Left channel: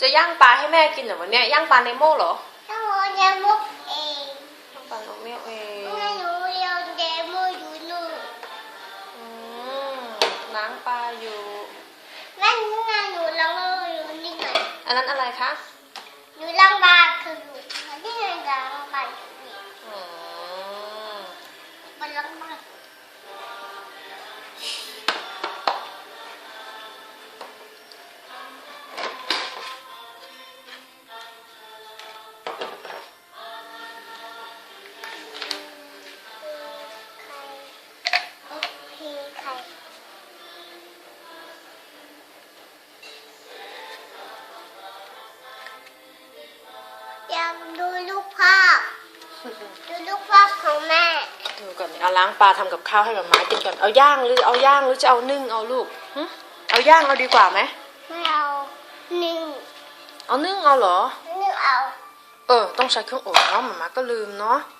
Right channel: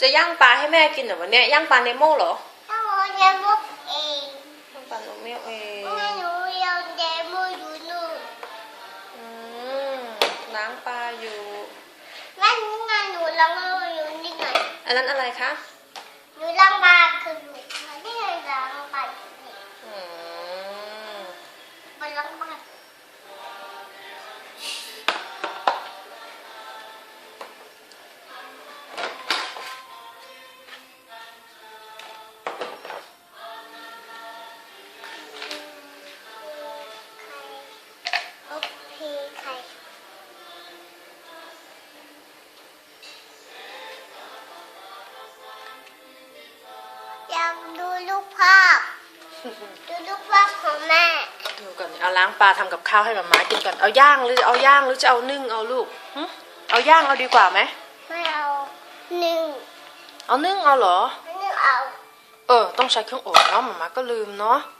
จะย่างปลาให้แม่กินเหรอวันเนี้ยย่างปลาเนโม่เหรอถ้าหนูเรียนมุกเองย่างปลาเนโม่เองแม่หนูเรียนเดโมอยู่นู่นอืมล้างปลาอยู่แม่นี่ไงหนูล้างมืออยู่นี่ไงอันนั้นอะไรคะหนูล้างบาคือหนูนี่ไงล้างบาอืมมันล้างบา อยากดูรูปภาพ ดูรูปภาพของแม่ ดูก่อนเนี่ยเอาล้างปลาทำกับข้าวให้แบบม้ากินก่อน เอาย่างหรือเอาย่างหรือจะเอานึ่งเอาลูกหึเอาย่างเอาดีกว่าไหม ไม่เอาหนึ่งเอานึ่งเอาเหรอ ไม่เอา เออ ต้องใช้เครื่องอบเนาะหมามาก็ลืมเนาะไ